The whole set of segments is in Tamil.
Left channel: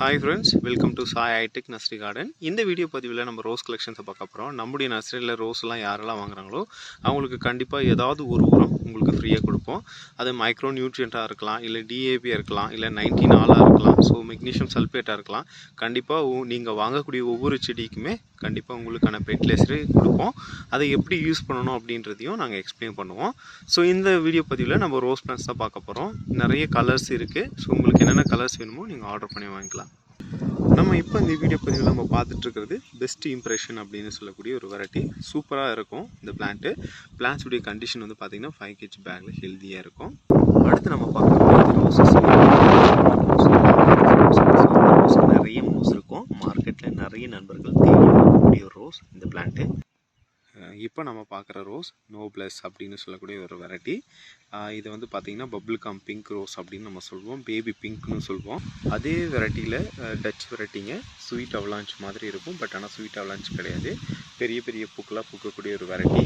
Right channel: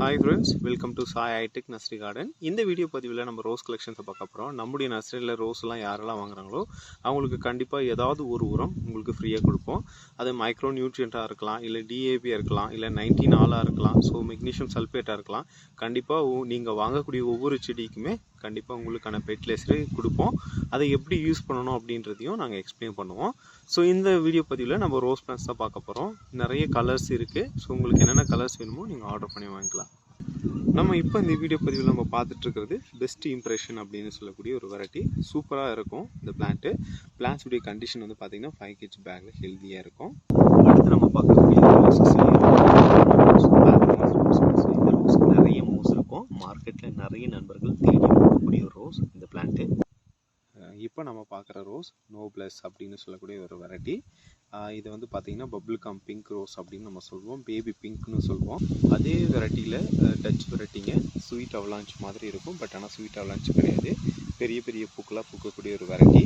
Hi friends, welcome to Sai hi tech nursery garden. இந்த வீடியோ பதிவில் நம்ம ரோஸ் கலெக்ஷன்ஸை பார்க்க போகிறோம். நம்முடைய நர்சரியில் ரோஸ்லாம் யாரெல்லாம் வாங்குறாங்களோ அவங்களுக்கு கண்டிப்பாக ஏதாவது ஒரு உரம் உங்களுக்கு ஃப்ரீயாக கொடுப்போம். அது மைக்ரோ நியூட்ரியண்ட்டாக இருக்கலாம், இல்லை டிஏபியாக இருக்கலாம், இல்லை 19 ஆலாக இருக்கலாம், ஸோ மெக்னீஷியம் சல்ஃபேட்டாக இருக்கலாம். கண்டிப்பாக நீங்கள் வாங்கக்கூடிய ஒவ்வொரு செடிக்குமே கண்டிப்பாக உங்களுக்கான ஃபெர்டிலைசரு கொடுப்போம். அதை எப்படி யூஸ் பண்ணணும் அப்படின்றதையும் நாங்கள் எக்ஸ்பிளைன் பண்ணுவோம். ஸோ இந்த வீடியோ பதிவில் நம்ம ரோஸ் பிளான்ஸ் தான் பார்க்க போகிறோம். நிறைய கலர்ஸ் இருக்குது. ஸோ உங்களுக்கு என்னென்ன கலர்ஸ் வேணுமோ நீங்கள் ஆர்டர் பண்ணி வாங்கிக்கலாம். நம்ம இப்போ இந்த வீடியோ பதிவில் நம்ம பார்த்துட்ருக்கிறது பெஸ்ட் இம்ப்ரெஷன் அப்படின்னு சொல்லக்கூடிய ஒரு வெரைட்டி. சூப்பராக இருக்கும் இந்த பிளான்ஸுடைய கண்டிஷன் வந்து பார்த்திங்கன்னா 5 kg பேக்கில் ஹெல்த்தியாக இருக்கும். அடுத்து நம்ம பார்க்கக்கூடிய ரோசஸ் நிறைய மோஸ் இருக்கும். மார்க்கெட்டில் நிறைய நண்பர்கள் தேடி வாங்கக்கூடிய ஒரு ரோஸ் இந்த பிளான்ட்டு. இப்போ நம்ம பார்க்குற ரோஸ் நோப்ளஸ் அப்படின்னு சொல்லக்கூடிய ஒரு வெரைட்டி. இது வந்து பார்த்திங்கன்னா பபிள் கம் பிங்க் ரோஸ் அப்படின்னு நம்ம சொல்லுவோம், பேபி பிங்க்னு சொல்லுவோம். அதே வெரைட்டியில் டச் வெரைட்டிங்க ஸ்வீட் அவலாஞ்ச் மாதிரி இருக்கும். பட் ஆனால் ஸ்வீட் அவலாஞ்ச் கிடையாது, பெரிய பெரிய பூக்களாக பூக்கக்கூடிய ஒரு வெரைட்டி.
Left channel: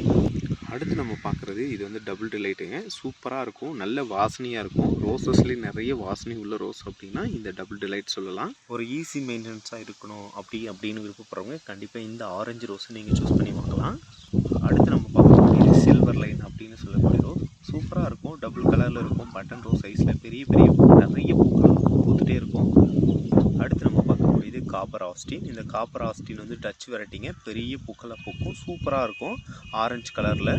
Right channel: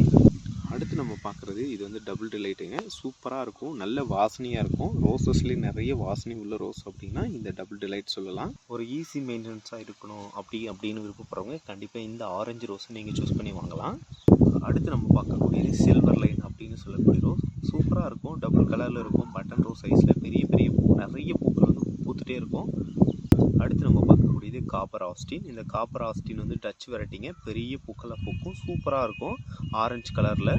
அடுத்து நம்ம பார்க்குறது இது வந்து டபுள் டிலைட்டுங்க. சூப்பராக இருக்கும், நல்ல வாசனையாக இருக்கும். ரோசஸ்லேயே நிறைய வாசனை உள்ள ரோஸ் அப்படின்னா இந்த டபுள் டிலைட் சொல்லலாம். ஒரு ஈஸி மெயின்டெனன்ஸாக இருக்கணும் அப்படின்னு விருப்பப்படுறவங்க கண்டிப்பாக இந்த ஆரஞ்சு ரோஸை நீங்கள் சூஸ் பண்ணி வாங்கலாம். அடுத்து நம்ம பார்க்கக்கூடியது சில்வர் லைன் அப்படின்னு சொல்லக்கூடிய ரோஸ். சூப்பராக இருக்கும், டபுள் கலரில் இருக்கும், பட்டன் ரோஸ் சைஸில் பெரிய பெரிய நிறைய பூக்கள் பூத்துட்டே இருக்கும். அடுத்து நம்ம பார்க்கக்கூடியது காப்பர் ஆஸ்டின். இந்த காப்பர் ஆஸ்டின் வந்து டச் வெரைட்டிங்க, பெரிய பூக்களாக பூக்கும், சூப்பராக இருக்கும் ஆரஞ்சு கலரில்.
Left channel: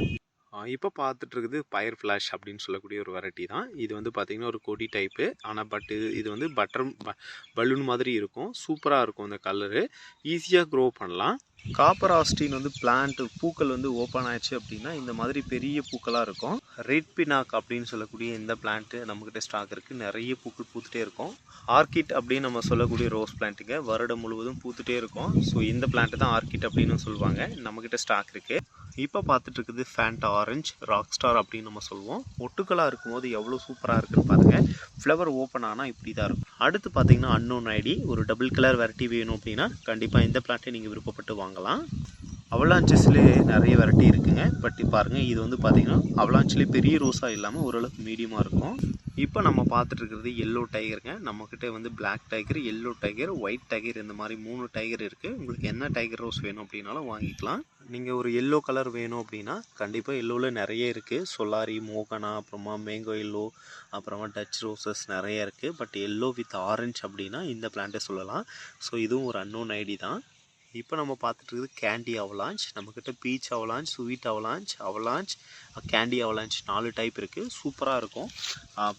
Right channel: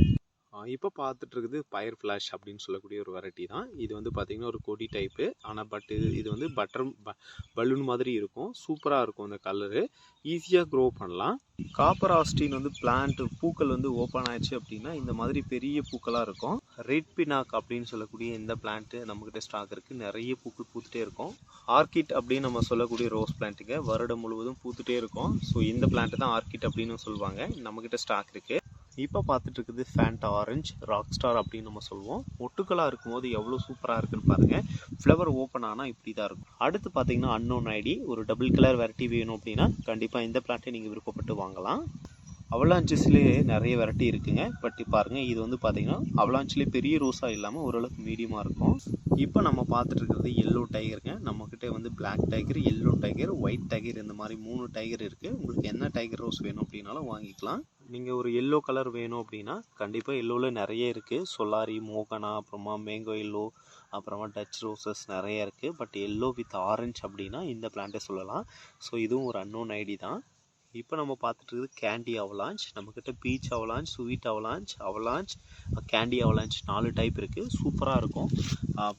இப்போ பார்த்துட்ருக்குது ஃபயர் ஃப்ளாஷ் அப்படின்னு சொல்லக்கூடிய ஒரு வெரைட்டி தான். இது வந்து பார்த்திங்கன்னா ஒரு கொடி டைப்பு, ஆனால் இது வந்து பலூன் மாதிரி இருக்கும். சூப்பராக இருக்கும் இந்த கலரு, ஈஸியாக க்ரோ பண்ணலாம். காப்பர் ஆஸ்டின் வந்து பூக்கள் வந்து ஓப்பன் ஆயிடுச்சு அப்படின்னா இந்த மாதிரி பெரிய பூக்களாக இருக்கும். ரெட் பினாக் அப்படின்னு சொல்லக்கூடிய இந்த பிளான்ட்டு நம்மக்கிட்ட ஸ்டாக் இருக்குது. நிறைய பூக்கள் பூத்துட்டே இருக்கும். ஆர்கிட் அப்படின்னு நம்ம சொல்லக்கூடிய ரோஸ் பிளான்ட்டுங்க, வருடம் முழுவதும் பூத்துட்டே இருக்கும். ஸோ இந்த பிளான்ட்டு தான் ஆர்கிட் அப்படின்னு சொல்லுவாங்க. நம்மக்கிட்ட ஸ்டாக் இருக்குது. இப்போ பார்த்துட்டு இருக்குது ஃபேண்டா ஆரஞ்ச் ராக் ஸ்டார் அப்படின்னு நம்ம சொல்லுவோம். ஒட்டுக்களாக இருக்கும்போது எவ்வளோ சூப்பராக இருக்குன்னு பாருங்கள். ஃப்ளவர் ஓப்பன் ஆனால் இப்படி தான் இருக்கும். அடுத்து பார்த்தீங்கன்னா அன்னோன் ஐடி, ஒரு டபுள் கலர் வெரைட்டி வேணும் அப்படின்னா கண்டிப்பாக இந்த பிளான்ட்டை நீங்கள் விருப்பப்பட்டு வாங்கலாம். அவலான்ச்சஸ்லேயே நிறைய வெரைட்டி இருக்குங்க. பட் பாருங்கள், இது வந்து பார்த்திங்கன்னா அவலான்ச்சிலே பெரிய ரோஸாக இல்லாமல் ஓரளவுக்கு மீடியமாக இருக்கும். இப்போ நம்ம பார்த்துட்டு இருக்கிறது எல்லோ டைகருங்க. நம்மக்கிட்ட வந்து black tiger, yellow tiger, white tiger, இந்த மாதிரி 3 டைகர் இருக்குது. உங்களுக்கு என்ன டைகர் ரோஸ் வேணும் அப்படின்னாலும் வாங்கிக்கலாம். நீங்கள் ஒரு எல்லோ கலர் வேணும் அப்படின்னா கண்டிப்பாக எல்லோவில் நிறைய இருக்குது. சொலாரி, மோகனா, அப்புறமா மேங்கோ எல்லோ, அப்புறமா டச் ரோசஸ் நிறைய இருக்குது. பட் எல்லோ வித் ஆரஞ்ச் அப்படின்னா இந்த பிளான்ட்டை சொல்லலாம். ஸோ இதுவும் ஒரு அன்னோன் ஐடி தான். இப்போ நம்ம பார்த்துட்டு இருக்குது கேண்டி அவலாஞ்ச். நம்மக்கிட்ட beach avalanche, sweet avalanche, candy avalanche 4 type இருக்குது. சூப்பராக இருக்கும்.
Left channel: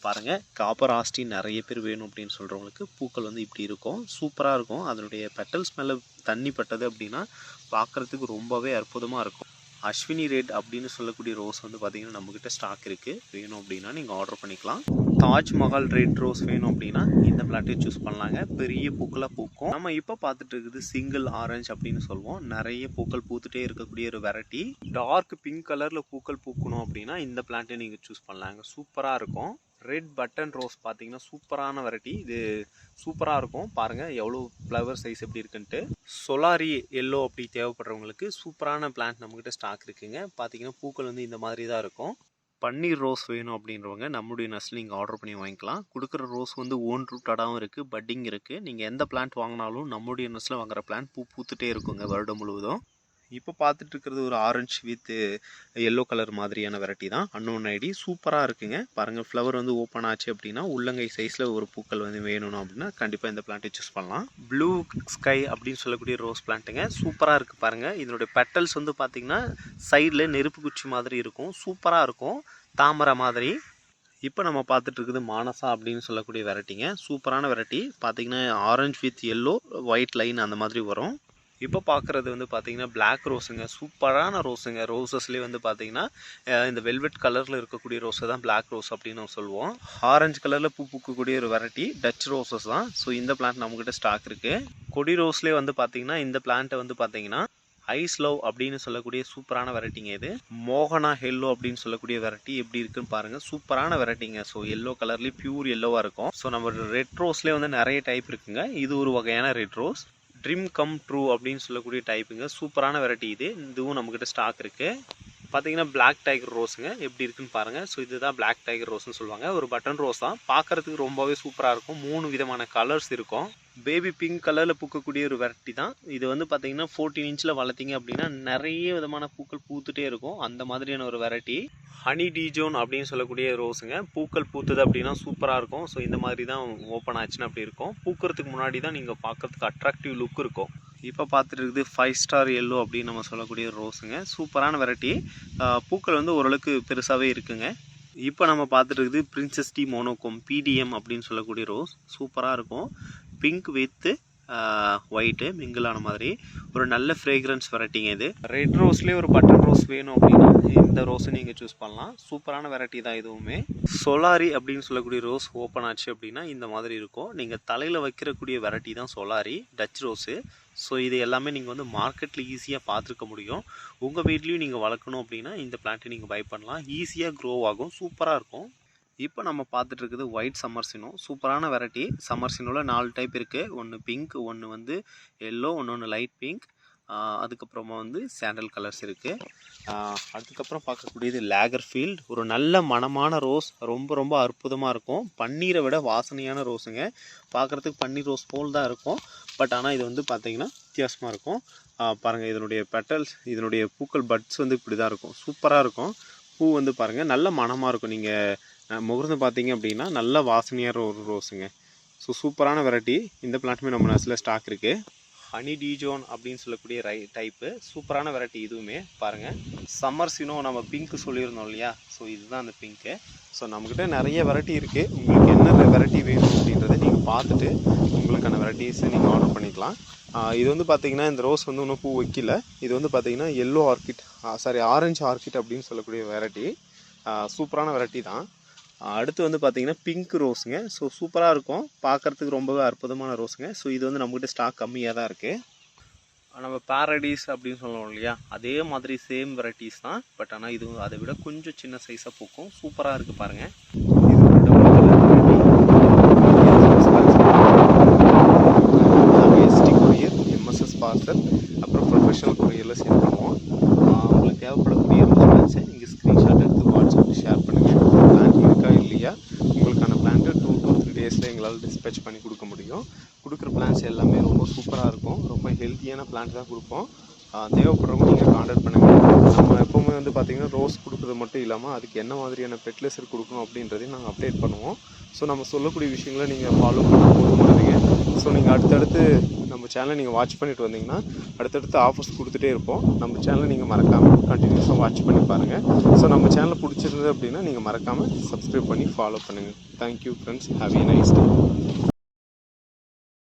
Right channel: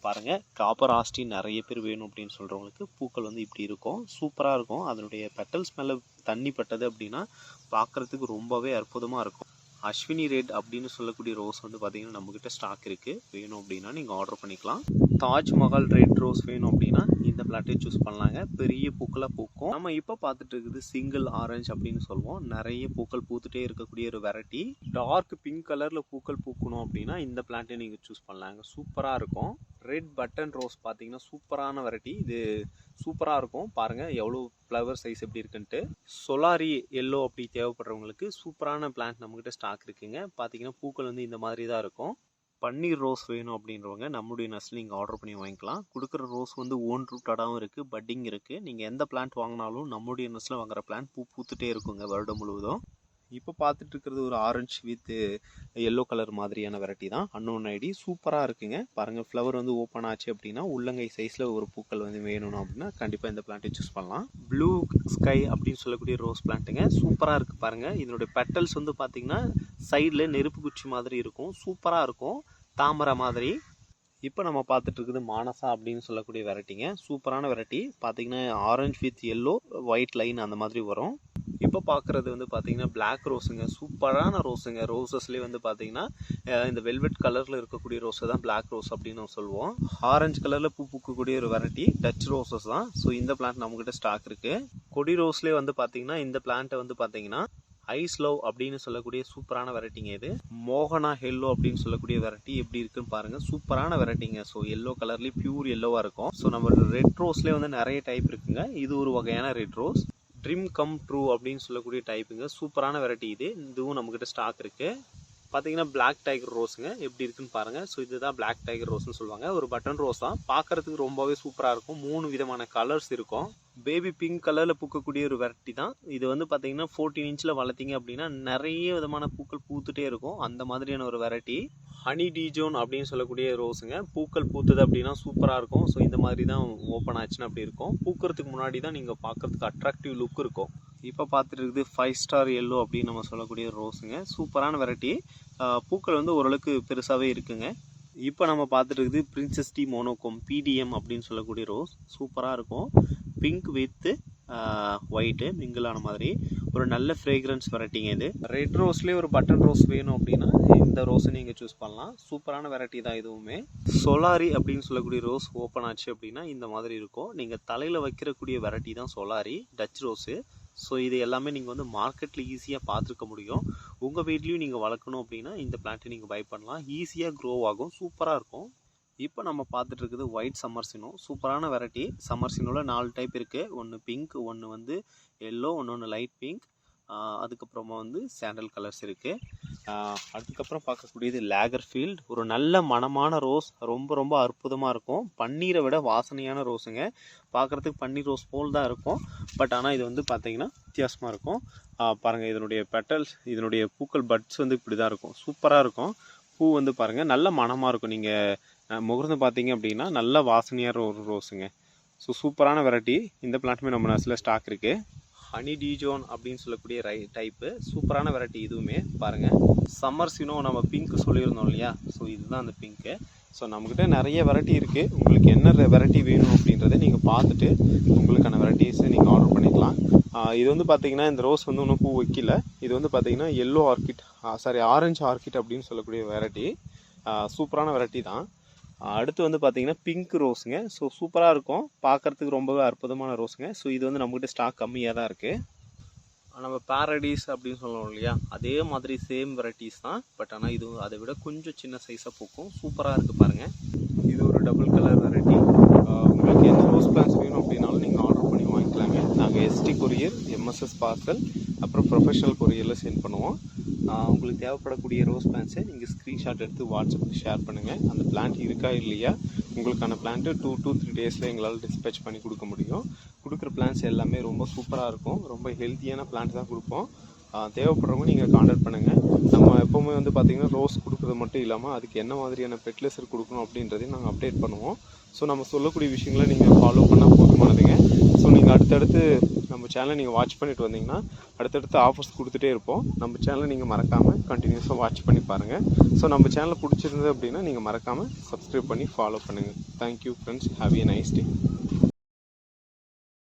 பாருங்கள், காப்பர் ஆஸ்டின் நிறைய பேர் வேணும் அப்படின்னு சொல்கிறவங்களுக்கு பூக்கள் வந்து இப்படி இருக்கும். சூப்பராக இருக்கும். அதனுடைய பெட்டல்ஸ் மேலே தண்ணி பட்டது அப்படின்னா பார்க்குறதுக்கு ரொம்பவே அற்புதமாக இருக்கும். அஸ்வினி ரெட் அப்படின்னு சொல்லக்கூடிய ரோஸ் வந்து பார்த்திங்கன்னா நம்மக்கிட்ட ஸ்டாக் இருக்குது. வேணும் அப்படின்னா நீங்கள் ஆர்டர் பண்ணிக்கலாம். தாஜ்மஹால் ரெட் ரோஸ் வேணும் அப்படின்னா இந்த பிளாட்டை சூஸ் பண்ணலாங்க. பெரிய பூக்களாக பூக்கும். நம்ம இப்போ பார்த்துட்டு இருக்குது சிங்கிள் ஆரஞ்சு அப்படின்னு சொல்லுவோம். நிறைய பூக்கள் பூத்துட்டே இருக்கக்கூடிய ஒரு வெரைட்டி. டார்க் பிங்க் கலரில் பூக்கள் பூக்கணும் அப்படின்னா இந்த பிளான்ட்டை நீங்கள் சூஸ் பண்ணலாங்க. சூப்பராக இருக்கும். ரெட் பட்டன் ரோஸ் பார்த்தீங்கன்னா சூப்பரான வெரைட்டி. இது சூப்பராக இருக்கும். பாருங்கள் எவ்வளோ ஃப்ளவர் சைஸ் எப்படி இருக்குன்ட்டு. சொலாரி எல்லோ அப்படி தேவைப்படுறவங்களுக்கு சூப்பரான பிளான்ட் நம்மக்கிட்ட ஸ்டாக் இருக்குங்க. பார்த்தீங்கன்னா பூக்கள் வந்து இந்த மாதிரி தான் இருக்கும். பன்னீர் ரோஸ் வேணும் அப்படின்றவங்க நம்மளுடைய நர்சரியில் நீங்கள் ஆர்டர் பண்ணி வாங்கிக்கலாம். கொடுக்குற ரோஸ் வந்து ஓன் ரூட்டடாகவும் இருக்குது, பட்டிங் இருக்குது. நீங்கள் எந்த பிளான்ட் வாங்கினாலும் நம்மளுடைய நர்சரியில் வாங்குற பிளான்ட் பூத்துட்டே இருக்குங்க வருடம் முழுவதும். இப்போ பார்த்துட்டு இருக்கிறது ஒரு ஆரஞ்சு வித் எல்லோ கலர் மாதிரியான வெரைட்டி தான், அன்னோன் ஐடி. சூப்பராக இருக்குங்க. பாருங்கள், ஃப்ளவர் வந்து ஓப்பன் ஆச்சு அப்படின்னா உள்ளங்கை சைஸில் ஒரு பூக்கள் வந்து வேணும் அப்படின்னா கண்டிப்பாக இந்த பிளான்ட்டை சூஸ் பண்ணலாம். ப்ளூ ஸ்கை அப்படின்னு சொல்லக்கூடிய ரோஸ் பிளான்ட்டுங்க. சூப்பராக இருக்குது. பாருங்கள், இதனுடைய பெட்டல்ஸ் வந்து பார்த்திங்கன்னா சைடில் நெருப்பு குச்சி மாதிரி இருக்கும். சூப்பராக இருக்கும், தாமரை மாதிரி. இப்போ நம்ம பார்த்துட்டு இருக்குது மானசா அப்படின்னு சொல்லக்கூடிய வெரைட்டிங்க. சூப்பரான வெரைட்டி. பார்த்திங்கன்னா orange with yellow, white line அந்த மாதிரி வரும். இப்போ பார்க்குறது வந்து பார்த்திங்கன்னா பிளாக் ரோஸுங்க. சூப்பரான ரோஸுங்க. ரோசஸ்லேயே வந்து பார்த்திங்கன்னா இந்த வெல்வெட் கலரில் இருக்கக்கூடிய ரோஸை தான் பிளாக் ரோஸ் அப்படின்னு நம்ம சொல்லுவோம். ஆரஞ்சு கலரில் பூக்கக்கூடிய ஒரு வெரைட்டி டச் ரோசஸ் தான். ஸோ இந்த பிளான்ட் நம்மக்கிட்ட ஸ்டாக் இருக்குது. கொடி ரோஸ்லேயே வந்து பார்த்திங்கன்னா இந்த பிளான்ட்டை வந்து பார்த்திங்கன்னா ஐஸ் லவ் அப்படின்னு சொல்லக்கூடிய சூப்பரான வெரைட்டிங்க. இது மோகனா எல்லோ அப்படின்னு சொல்லக்கூடிய வெரைட்டி எப்படி இருக்குன்னு பாருங்கள். சூப்பரான வெரைட்டிங்க. ஸோ எல்லோ கலர்லேயே பியூர் எல்லோவாக இருக்கும். ஸோ நம்ம ரெட் ரோஸ்லேயே வந்து நிறைய டைப் இருக்குங்க. இது ஒரு வகையான red rose. Dream come true அப்படின்னு சொல்லக்கூடிய டைப்புங்க. சூப்பரான வெரைட்டி இது. இதுவும் நம்மக்கிட்ட ஸ்டாக் இருக்குது. பார்த்தீங்கன்னா பிளாக் டைகர் ரோஸுங்க எப்படி இருக்குன்னு பாருங்கள். ஸோ இதுதான் பிளாக் டைகர் ரோஸ்னு சொல்லுவாங்க. ஒரு பட்டன் ரோஸ் தான், பார்க்குறதுக்கு ரொம்பவே சூப்பராக இருக்கும். 3 விதமான கலர்ஸ் இருக்கும். பேபி பிங்க் கலரில் பூக்கக்கூடிய ஒரு வெரைட்டி தான் இது. வந்து பார்த்தீங்கன்னா 14 இன்ச்சில் வளர்த்திங்க அப்படின்னா நிறைய விதமான பூக்கள் பூத்துட்டே இருக்கும். அந்த மாதிரியான ஒரு வெரைட்டி ஹனி டிஜோன் அப்படின்னு சொல்லக்கூடிய ரோஸுங்க. பூக்கள் பூத்துது அப்படின்னா சூப்பராக இருக்கும். ஸோ இந்த மாதிரி தான் ஓப்பன் ஆச்சுன்னா அப்படி இருக்கும். பூக்கிறதுக்கு முன்னாடி தான் நீங்கள் பார்க்குறதுக்கு அட்ராக்டிவ் லுக் இருக்கும். இப்போ பார்த்துட்டு இருக்குது 5 ஸ்டார் எல்லோ அப்படின்னு நம்ம சொல்லக்கூடிய ரோஸுங்க. சூப்பரான வெரைட்டி. பூக்கள் வந்து ஓரளவுக்கு பெருசாகவே இருக்குங்க. இப்போ நம்ம பார்த்துட்டு இருக்குது பிரின்சஸ் டி மோனோகோம் பிடிஎம் அப்படின்னு சொல்லக்கூடிய ரோஸ். சூப்பராக இருக்கும். பிங்க் வித்து ஒயிட்டு மிங்கிளான மாதிரி ஒரு நல்ல ஃப்ரேக்ரன்ஸ் வெரைட்டிங்க இது. ரெட் ரோஸ்லேயே ஒரு பட்டன் ரோஸ் வேணும் அப்படின்னா இந்த ரோஸை நீங்கள் சூஸ் பண்ணலாம். சூப்பரான வெரைட்டி தான் இதுவுமே. சொலாரி அப்படின்னு சொல்லக்கூடிய ரோஸ் ஓப்பன் ஆச்சு அப்படின்னா இந்த மாதிரி இருக்கும். நீங்கள் தலையில் வைக்கிறக்கூடிய வெரைட்டி தான் சொலாரி டச் ரோஸு. ஸோ இது எல்லாமே நீங்கள் வந்து மார்க்கெட்டில் ஈஸியாக பார்த்துருக்க முடியும். உங்கள் வீட்லேயும் நீங்கள் வளர்க்கணும் அப்படின்னா இந்த பிளான்ட்டை நீங்கள் பை பண்ணலாம். ஈஸியாக க்ரோ ஆகும், சூப்பராக இருக்கும். இப்போ நம்ம பார்த்துட்டு இருக்குது ஒயிட் சம்மர்சினோ. சூப்பரான வெரைட்டி. சம்மர்சினோவில் 4 டைப் இருக்குது. ஒன்று பிங்க், ஒன்று வந்து எல்லோ, ஒன்று லைட் பிங்க், அதுக்கப்புறமா வந்து சாண்டல் கலர்ஸ் இருக்குது. அதுக்கப்புறம் பார்க்கக்கூடியது லேகர்ஃபீல்ட். ஒரு நல்ல மணமான ரோஸ், ரொம்ப ரொம்ப அற்புதமாக இருக்கும். பன்னீரை விட வாசனையான ரோஸுங்க. பார்க்குறதுக்கு பன்னீர் ரோஸ் போல் தான் இருக்கும். பட் ஆனால் இது வந்து பார்த்திங்கன்னா வித்தியாசமாக இருக்கும். பாருங்கள் இதனுடைய பெட்டல்ஸ், இதனுடைய பூக்கள் பட்ஸ் வந்து இப்படி தான் இருக்கும். சூப்பராக இருக்கும். பூ வந்து பாருங்கள் நல்ல மணமாக இருக்கும். நீங்கள் முகர்ந்து பார்த்தீங்க அப்படின்னா நல்ல வாசனையான ஒரு ரோஸுங்க. ஸோ சூப்பரான வெரைட்டி. இந்த பிளான்ட்டுமே நம்ம நர்ஸில் ஸ்டாக் இருக்குது. ஹனி டிஜோன் அப்படின்னு சொல்லக்கூடிய டைப்பு. சூப்பரான வெரைட்டி இதுவுமே பாருங்கள். சம்மர்சினோ நம்ம பிங்க்கு சொல்லியிருந்தோம் இல்லையா, ஸோ இதுதான் அந்த பிங்க்கு. ஸோ நம்மக்கிட்ட நிறைய வெரைட்டி இருக்குது. உங்களுக்கு என்ன வெரைட்டி வேணும் அப்படின்றத நீங்கள் பார்த்துட்டு உங்களுக்கான வெரைட்டிஸை நீங்கள் ஆர்டர் பண்ணிக்கலாம். இது வந்து பார்த்திங்கன்னா இந்த ரோஸ் வந்து இன்னும் பூ வைக்கல. இது வந்து பார்த்திங்கன்னா எல்லோ ஆர்கிட், ஆரஞ்சு ஆர்கிட் அப்படின்னு சொல்லக்கூடிய வெரைட்டி. சூப்பரான வெரைட்டி தான். அடுத்து வந்து பார்த்திங்கன்னா பிங்க் ரோஸுங்க. ஸோ சூப்பராக இருக்கும், பார்க்குறதுக்கு ரொம்பவே அற்புதமான ரோஸுங்க. ஸோ இது வந்து நம்மக்கிட்ட ஸ்டாக் கம்மியாக தான் இருக்குது. நம்ம பாரடைஸ் அப்படின்னு சொல்லுவோம் இல்லையா, அதே மாதிரி சேம் வெரைட்டிஸ் தான். பட் ஆனால் இது அதை விட கொஞ்சம் சின்ன சைஸாக பூக்கும். சூப்பராக இருக்குது பாருங்கள். இது ஒரு டபுள் கலர் வெரைட்டி. நாங்கள் எஸ்டி கொரியர், எம்எஸ்எஸ் பார்சல், அப்புறம் ப்ரொஃபஷனல் கொரியரில் சென்ட் பண்ணுவோம். உங்களுக்கு தேவைப்படக்கூடிய ரோஸ் பிளான்ஸை நீங்கள் ஸ்க்ரீன்ஷாட் எடுத்து வாட்ஸ்அப்பில் ஷேர் பண்ணுங்கள். பிளான் இருக்கா இல்லையா, உங்களுக்கான பிளான்ட்டு 2 to 3 டேஸில் எங்களால் டிஸ்பேச் பண்ணி கொடுக்க முடியும். கொடுக்குற பிளான்ஸ் எல்லாமே ரொம்ப சூப்பராக இருக்கும். ரொம்ப ஹெல்த்தியான பிளான்ட் தான் கொடுப்போம். தேவைப்படுறவங்க நீங்கள் கான்டாக்ட் பண்ணுங்கள். நம்ம எப்போவுமே வந்து பார்த்திங்கன்னா ரோஸ் கொடுக்குறது மட்டும் இல்லாமல் அதுக்கு என்ன மாதிரியான ஃபெர்டிலைசர் கொடுக்கணும் அப்படின்றதையும் நாங்கள் அப்டேட் பண்ணுவோம். ஸோ நம்ம சொல்லக்கூடிய விஷயங்களை நீங்கள் ஃபாலோ பண்ணால் போதுமானதுங்க. ஸோ நீங்கள் அடுத்தடுத்து நம்ம சேனலை நீங்கள் வாட்ச் பண்ணிட்டு வந்தீங்கன்னா அடுத்தடுத்து ஆஃபர்ஸ் கொடுத்துட்டே இருப்போம். நம்ம சேனலை நீங்கள் மறக்காமல் கண்டினியூஸாக வாட்ச் பண்ணி பாருங்கள். ஸோ நம்ம சேனலை பிடிச்சிருந்தது அப்படின்னா நீங்கள் மறக்காமல் சப்ஸ்கிரைப் பண்ணி ஃபாலோ பண்ணுங்கள். Thank you friends, have a nice day.